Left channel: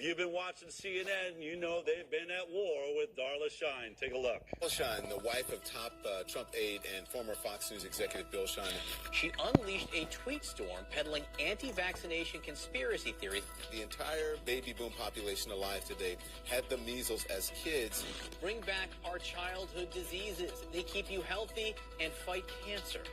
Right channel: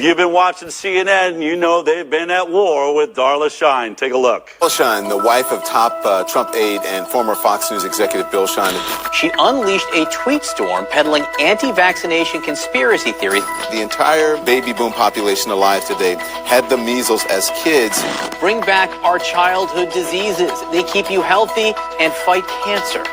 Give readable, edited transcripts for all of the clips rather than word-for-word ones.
You've been watching CNN, you know they've been at war with Darla Shine. Take a look. Darla Shine, the wife of top Trump aide and former Fox News executive Bill Shine. She unleashed a tweet storm peddling anti-vaccination conspiracy theories. The entire baby boom population alive today had the measles as kids. Bring back our childhood diseases. They keep you healthy and fight cancer.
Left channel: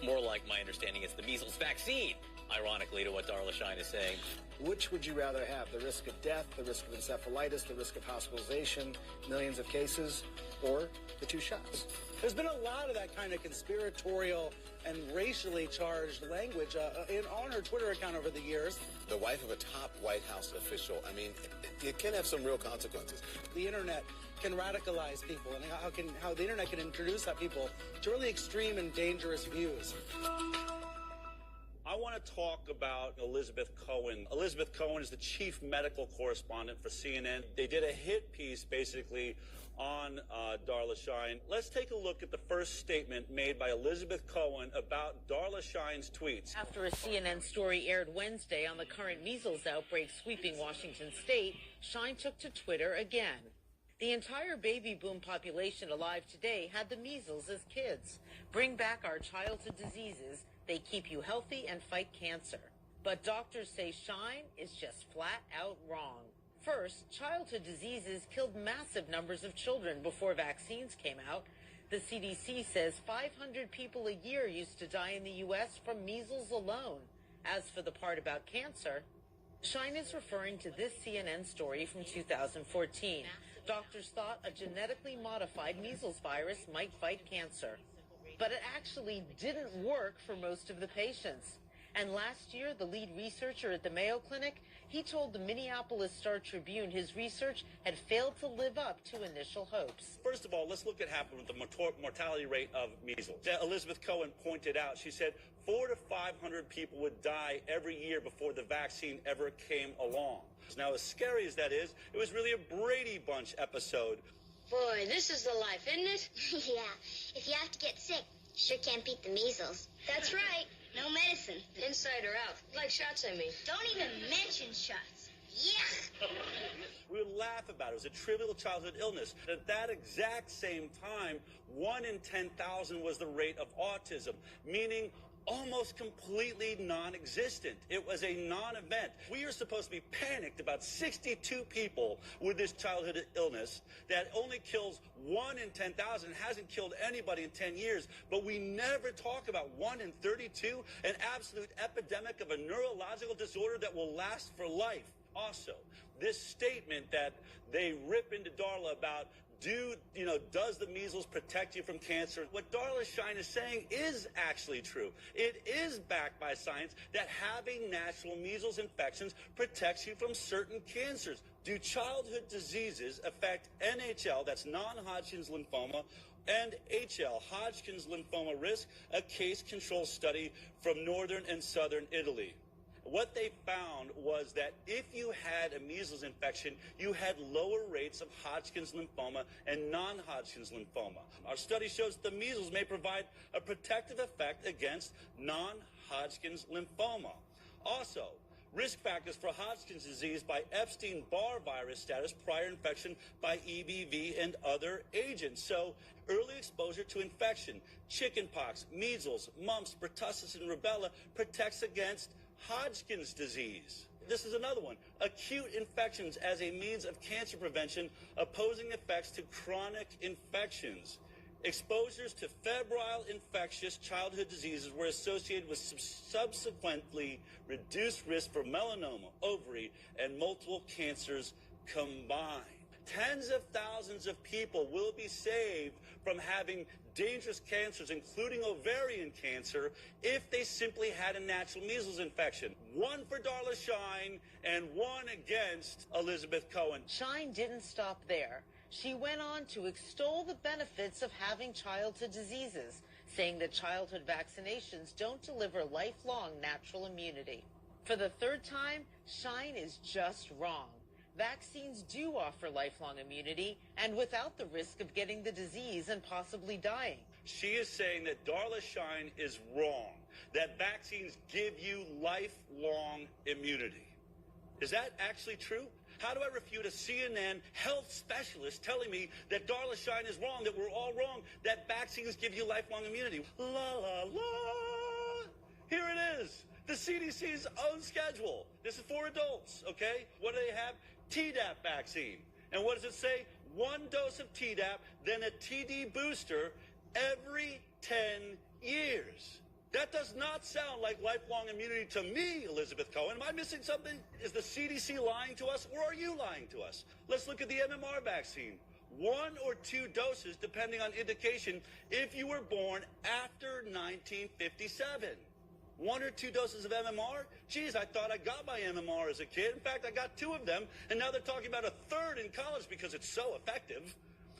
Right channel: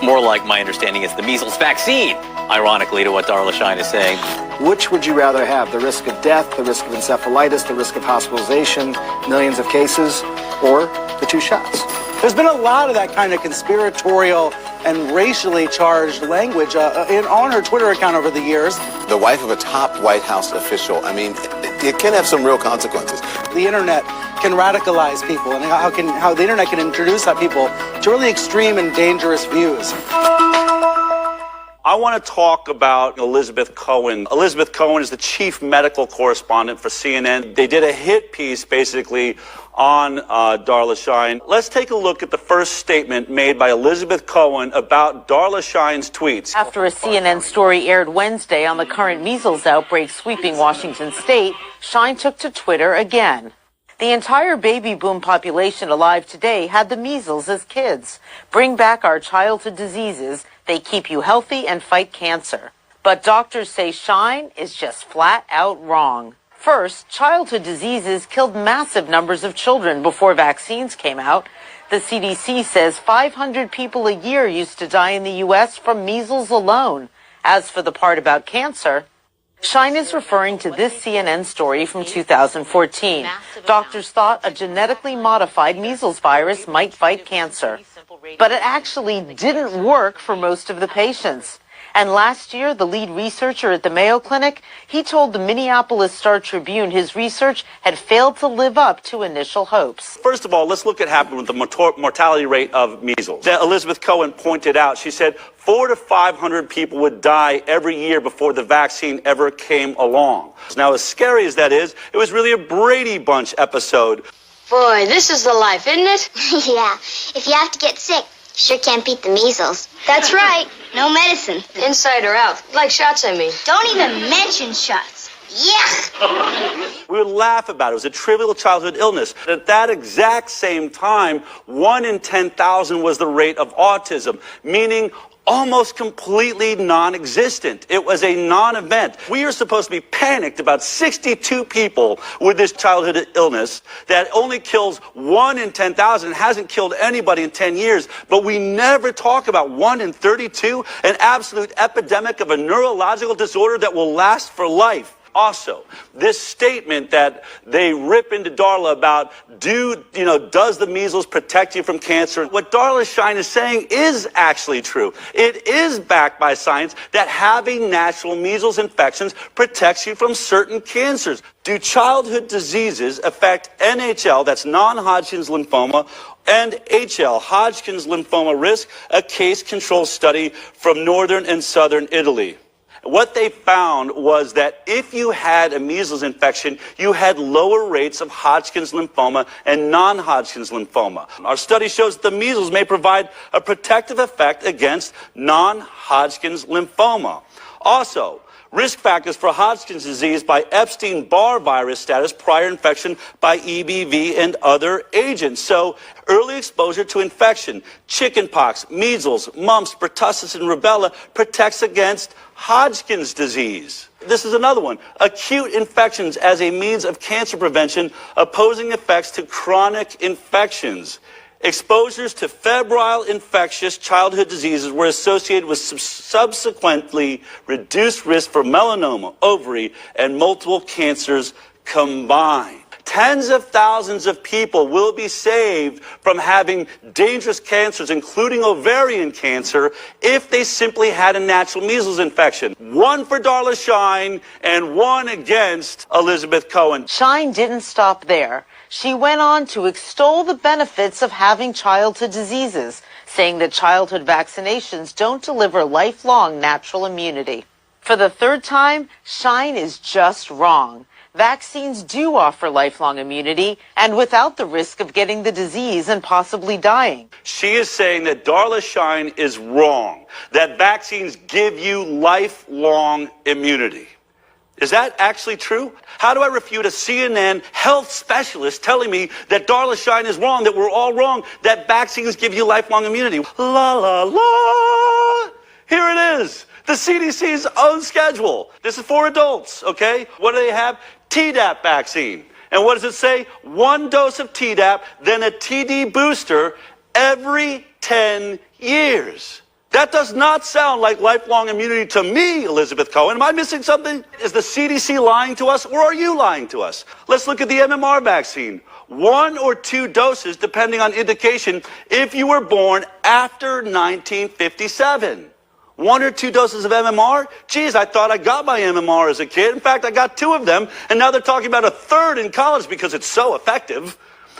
More like my understanding is the measles vaccine, ironically to what Darla Shine is saying. Which would you rather have? The risk of death, the risk of encephalitis, the risk of hospitalization, millions of cases, or the two shots? There's been a lot of that kind of conspiratorial and racially charged language on her Twitter account over the years. The wife of a top White House official, I mean, it can have some real consequences. The internet can radicalize people, and how the internet can introduce people to really extreme and dangerous views. I want to talk about Elizabeth Cohen. Elizabeth Cohen is the chief medical correspondent for CNN. They did a hit piece, basically, on Darla Shine. Let's take a look at the first statement made by Elizabeth Cohen about Darla Shine's tweets. After a CNN story aired Wednesday on the current measles outbreak sweeping Washington state, Shine took to Twitter again. The entire baby boom population alive today had the measles as kids. Bring back our childhood diseases. They keep you healthy and fight cancer. But doctors say Shine is just flat out wrong. First, childhood diseases killed massive numbers of children before vaccines came out. The CDC says 500 people a year used to die in the U.S. from measles alone. As for the part about cancer, Shine is referring to this CNN story from 2014. Doctors thought a genetically modified measles virus might fight cancer. But it actually didn't work for most of the patients. And last year, the lead researcher at the Mayo Clinic, he told the Minneapolis Star-Tribune his research had failed to live up to initial hopes. First of all, let's look at what happened with the mortality rate of measles. That Elizabeth Cohen pointed out, she said 400 to 500 people would die every year before the vaccine ever came along. Now, as scary as that is, it was really a Brady Bunch episode. Boy, this is the life, isn't it? Yeah. If you have to get sick, sure can't beat the measles. That's right. No medicine. Inside or out. Like shots, I mean. Don't even mention shots. Yeah. We would laugh about it. It was a trivial childhood illness. At that exact same time, 1 in 10,000 was the rate of autism, meaning almost completely non-existent. It was a non-event. We are supposed to be panicked about 62 people with this childhood illness that only kills 1 in 10,000, hasn't killed anybody in 10 years, but we never talk about 1 in 32, an absolute epidemic of a neurological disorder that will last for life. Also, this statement that they rip into Darla about, does the measles protect you from cancer? What Darla Shine is saying is actually true. It is backed by science that having natural measles infections protects you from certain cancers. Do childhood diseases affect NHL, that's non-Hodgkin's lymphoma, and HL, Hodgkin's lymphoma risk, a case-control study from northern and southern Italy? What they found was that if you had a measles infection, you had lower rates of Hodgkin's lymphoma and non-Hodgkin's lymphoma. Our study shows that the measles may provide a protective effect against non-Hodgkin's lymphoma. Also, risk factors for Hodgkin's disease by Epstein-Barr virus status, prior infection by EBV and other agents. So early exposure to infection, chickenpox, measles, mumps, pertussis, and rubella protects against Hodgkin's disease. This is another one. Acute infections as a means of cancer prevention, opposing effects to chronic infections. Exposures to febrile infectious childhood diseases were associated with subsequently reduced risk for melanoma, ovary, and multiple cancers combined. Tens of thousands of people will be saved from having dangerous cancers, including ovarian cancer, if they simply had a natural measles infection. 1 for Darla Shine and 1 against Elizabeth Cohen. Shine didn't stop there. She went on to extol the benefits of having childhood diseases, saying that childhood vaccinations don't deliver lifelong natural immunity. For the third time, Shine is just wrong. Vaccines do offer lifelong immunity, and without the risk of getting the disease and possibly dying. She is saying that Darla Shine is wrong, that vaccines give you lifelong immunity. Is that actually true? How do I refute a CNN health specialist telling me that Darla Shine is wrong, that we're all wrong, that vaccines give you lifelong immunity? La, la, la. Here it is, the CDC's own schedule. This is for adults, okay? What do they have? Tdap vaccine. And what does it say? 1 dose of Tdap, then a TD booster every 10 years. That does not sound like lifelong immunity to me, Elizabeth Cohen. Am I missing something? Is the CDC lying to us, or are you lying to us? Let's look at the MMR vaccine. 1 or 2 doses, depending on indication, if you were born after 1957. 1 or 2 doses of MMR? Geez, I thought I got my MMR as a kid. In fact, I got 2 of them, and now they're talking about a 3rd in college because it's so effective.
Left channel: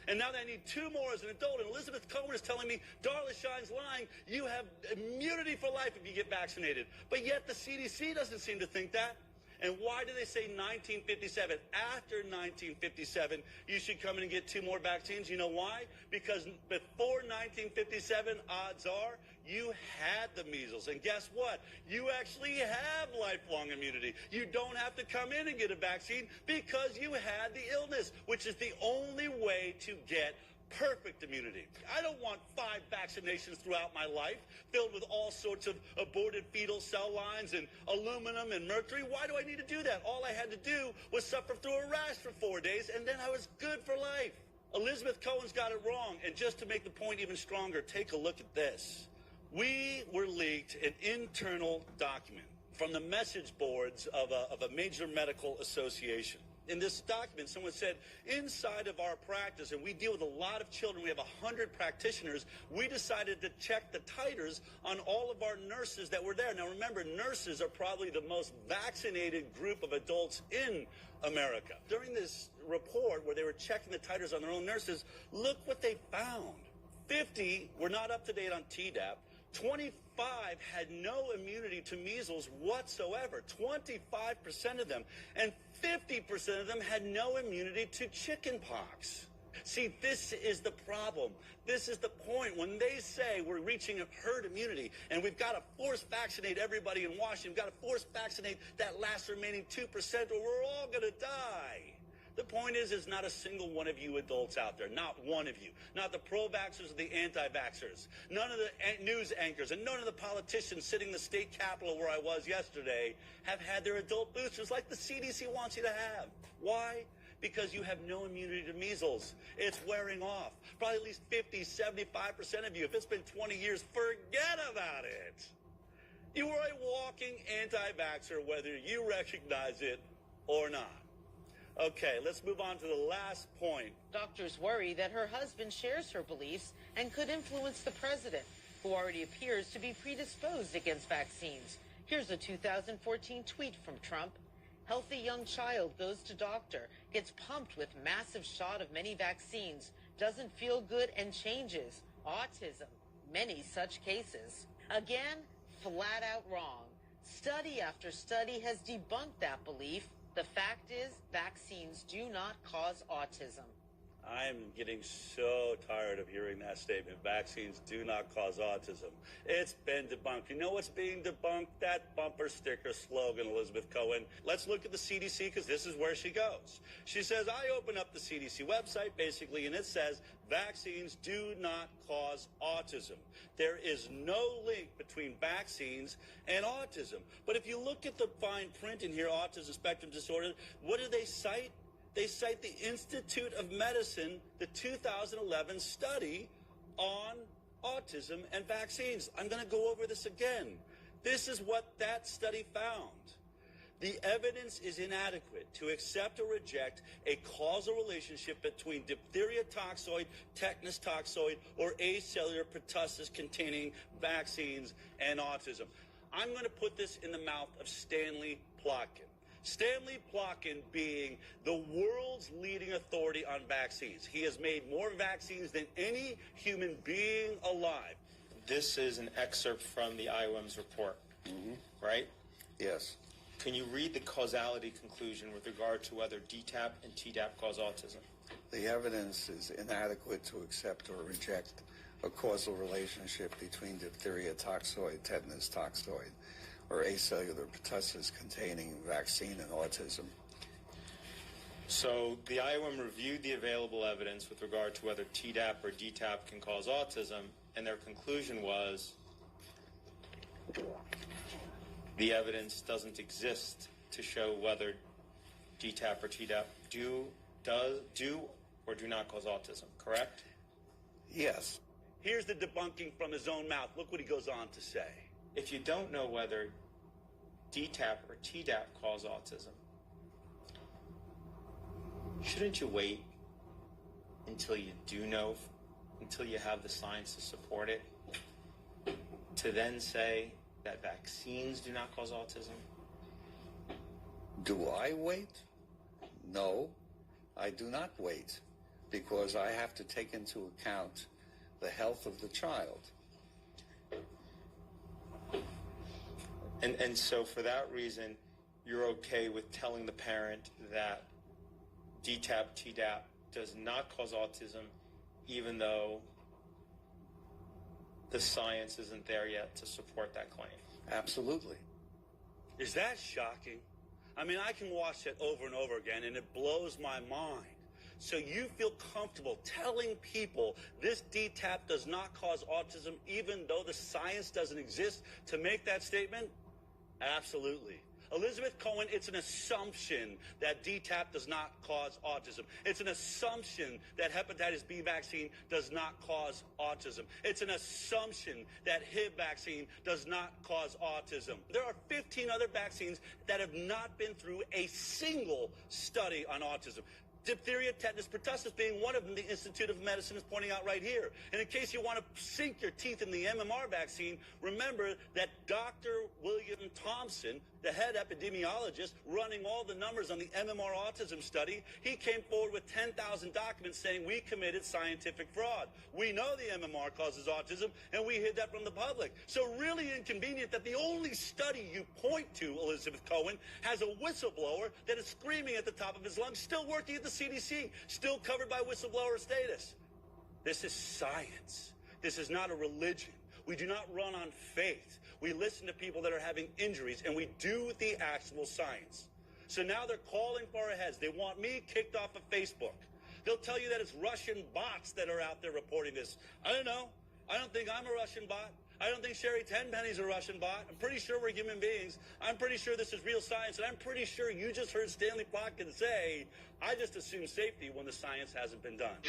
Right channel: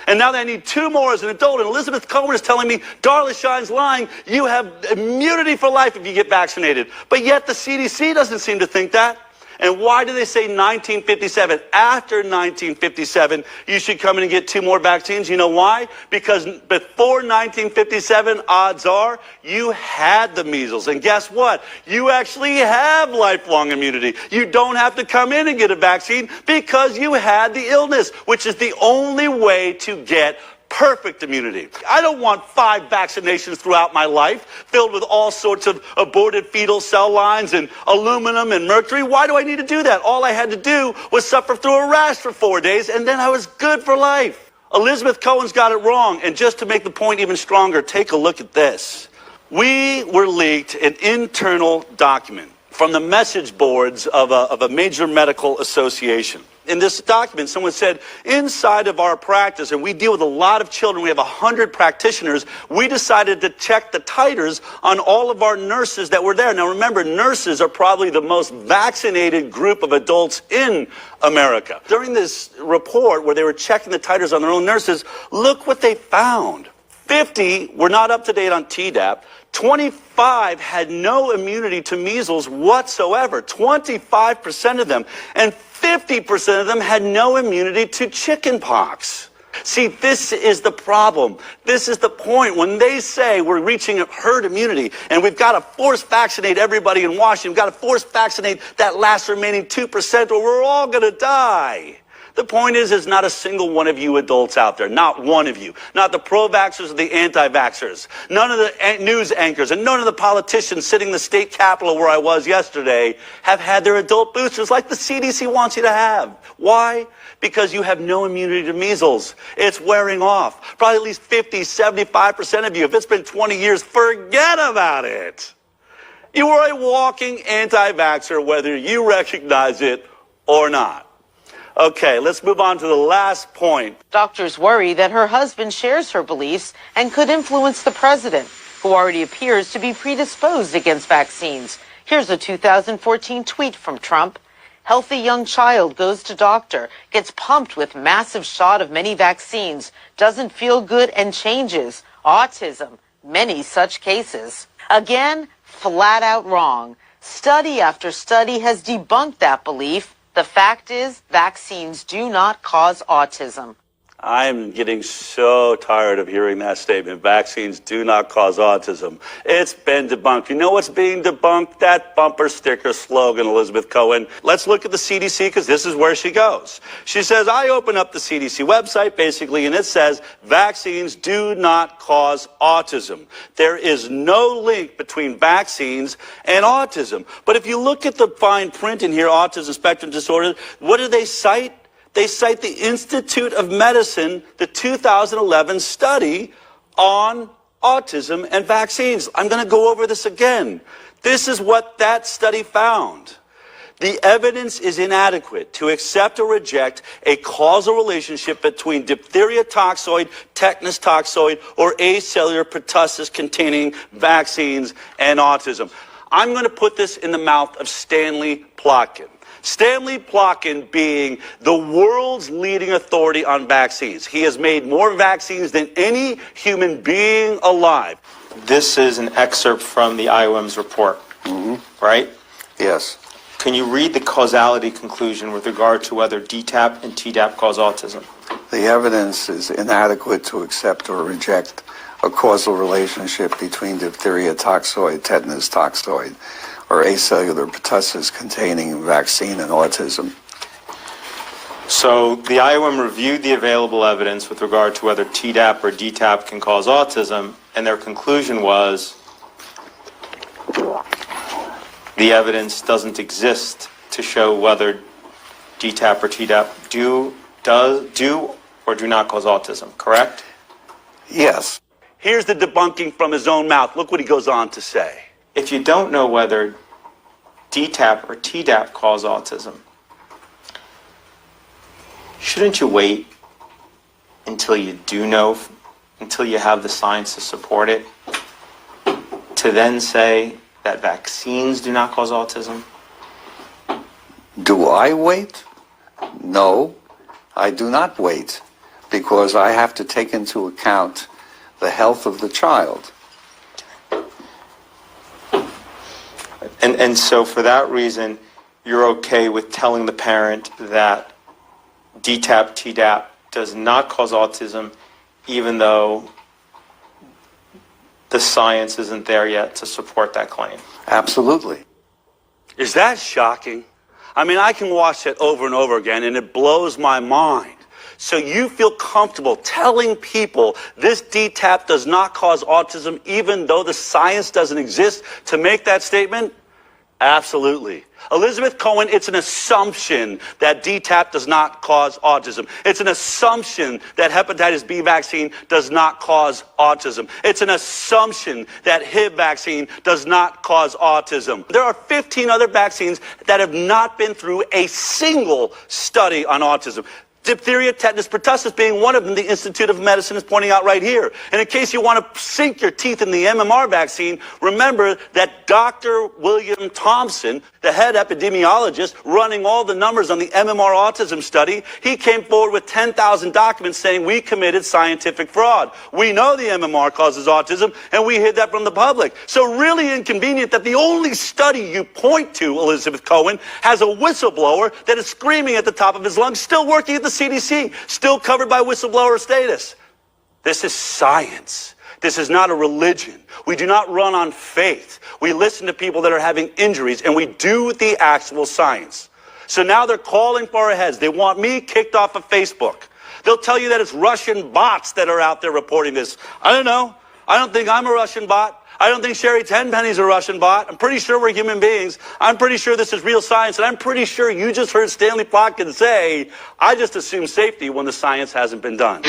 And now they need 2 more as an adult. And Elizabeth Cohen is telling me, Darla Shine's lying. You have immunity for life if you get vaccinated. But yet the CDC doesn't seem to think that. And why do they say 1957? After 1957, you should come in and get 2 more vaccines. You know why? Because before 1957, odds are you had the measles. And guess what? You actually have lifelong immunity. You don't have to come in and get a vaccine because you had the illness, which is the only way to get perfect immunity. I don't want 5 vaccinations throughout my life filled with all sorts of aborted fetal cell lines and aluminum and mercury. Why do I need to do that? All I had to do was suffer through a rash for 4 days, and then I was good for life. Elizabeth Cohen's got it wrong. And just to make the point even stronger, take a look at this. We were leaked an internal document from the message boards of a major medical association. In this document, someone said, inside of our practice, and we deal with a lot of children, we have 100 practitioners, we decided to check the titers on all of our nurses that were there. Now remember, nurses are probably the most vaccinated group of adults in America. During this report where they were checking the titers on their own nurses, look what they found. 50 were not up to date on Tdap. 25 had no immunity to measles whatsoever, 25% of them, and 50% of them had no immunity to chickenpox. See, this is the problem. This is the point. When they say we're reaching herd immunity and we've got to force vaccinate everybody in Washington, we've got to force vaccinate that last remaining 2% or we're all going to die. The point is, there's not a single one of you adults out there, not one of you, not the pro-vaxxers or the anti-vaxxers, none of the news anchors and none of the politicians sitting in the state capitol where I was yesterday have had their adult boosters like the CDC wants you to have. Why? Because you have no immunity to measles. It's wearing off. Probably at least 50, 75% of you, if it's been 20 years, forget about it. You are a walking anti-vaxxer, whether you recognize it or not. Okay, let's move on to the last point. Doctors worry that her husband shares her beliefs and could influence the president, who already appears to be predisposed against vaccines. Here's a 2014 tweet from Trump. Healthy young child goes to doctor, gets pumped with massive shot of many vaccines, doesn't feel good and changes. Autism, many such cases. Again, flat out wrong. Study after study has debunked that belief. The fact is, vaccines do not cause autism. I'm getting so tired of hearing that statement. Vaccines do not cause autism. It's been debunked. You know what's being debunked? That bumper sticker slogan, Elizabeth Cohen. Let's look at the CDC, because this is where she goes. She says, I open up the CDC website, basically, and it says, vaccines do not cause autism. There is no link between vaccines and autism. But if you look at the fine print in here, autism spectrum disorder, what do they cite? They cite the Institute of Medicine, the 2011 study on autism and vaccines. I'm going to go over this again. This is what that study found. The evidence is inadequate to accept or reject a causal relationship between diphtheria toxoid, tetanus toxoid, or acellular pertussis containing vaccines and autism. I'm going to put this in the mouth of Stanley Plotkin. Stanley Plotkin being the world's leading authority on vaccines. He has made more vaccines than any human being alive. This is an excerpt from the IOM's report, right? Yes. Can you read the causality conclusion with regard to whether DTaP and Tdap cause autism? The evidence is inadequate to accept or reject a causal relationship between diphtheria toxoid, tetanus toxoid, or acellular pertussis containing vaccine and autism. So the IOM reviewed the available evidence with regard to whether Tdap or DTaP can cause autism, and their conclusion was the evidence doesn't exist to show whether DTaP or Tdap do or do not cause autism, correct? Yes. Here's the debunking from his own mouth. Look what he goes on to say. If you don't know whether DTaP or Tdap cause autism, shouldn't you wait until you do know, until you have the science to support it, to then say that vaccines do not cause autism? Do I wait? No, I do not wait, because I have to take into account the health of the child. And so for that reason, you're okay with telling the parent that DTaP, Tdap does not cause autism, even though the science isn't there yet to support that claim? Absolutely. Is that shocking? I mean, I can watch it over and over again, and it blows my mind. So you feel comfortable telling people this DTaP does not cause autism, even though the science doesn't exist to make that statement? Absolutely. Elizabeth Cohen, it's an assumption that DTaP does not cause autism. It's an assumption that hepatitis B vaccine does not cause autism. It's an assumption that HIV vaccine does not cause autism. There are 15 other vaccines that have not been through a single study on autism. Diphtheria, tetanus, pertussis being one of them, the Institute of Medicine is pointing out right here. And in case you want to sink your teeth in the MMR vaccine, remember that Dr. William Thompson, the head epidemiologist running all the numbers on the MMR autism study, he came forward with 10,000 documents saying we committed scientific fraud. We know the MMR causes autism, and we hid that from the public. So really inconvenient that the only study you point to, Elizabeth Cohen, has a whistleblower that is screaming at the top of his lungs, still working at the CDC, still covered by whistleblower status. This is science. This is not a religion. We do not run on faith. We listen to people that are having injuries, and we do the actual science. So now they're calling for our heads. They want me kicked off of Facebook. They'll tell you that it's Russian bots that are out there reporting this. I don't know. I don't think I'm a Russian bot. I don't think Sherry Tenpenny's a Russian bot. I'm pretty sure we're human beings. I'm pretty sure this is real science. And I'm pretty sure you just heard Stanley Plotkin say, I just assume safety when the science hasn't been done.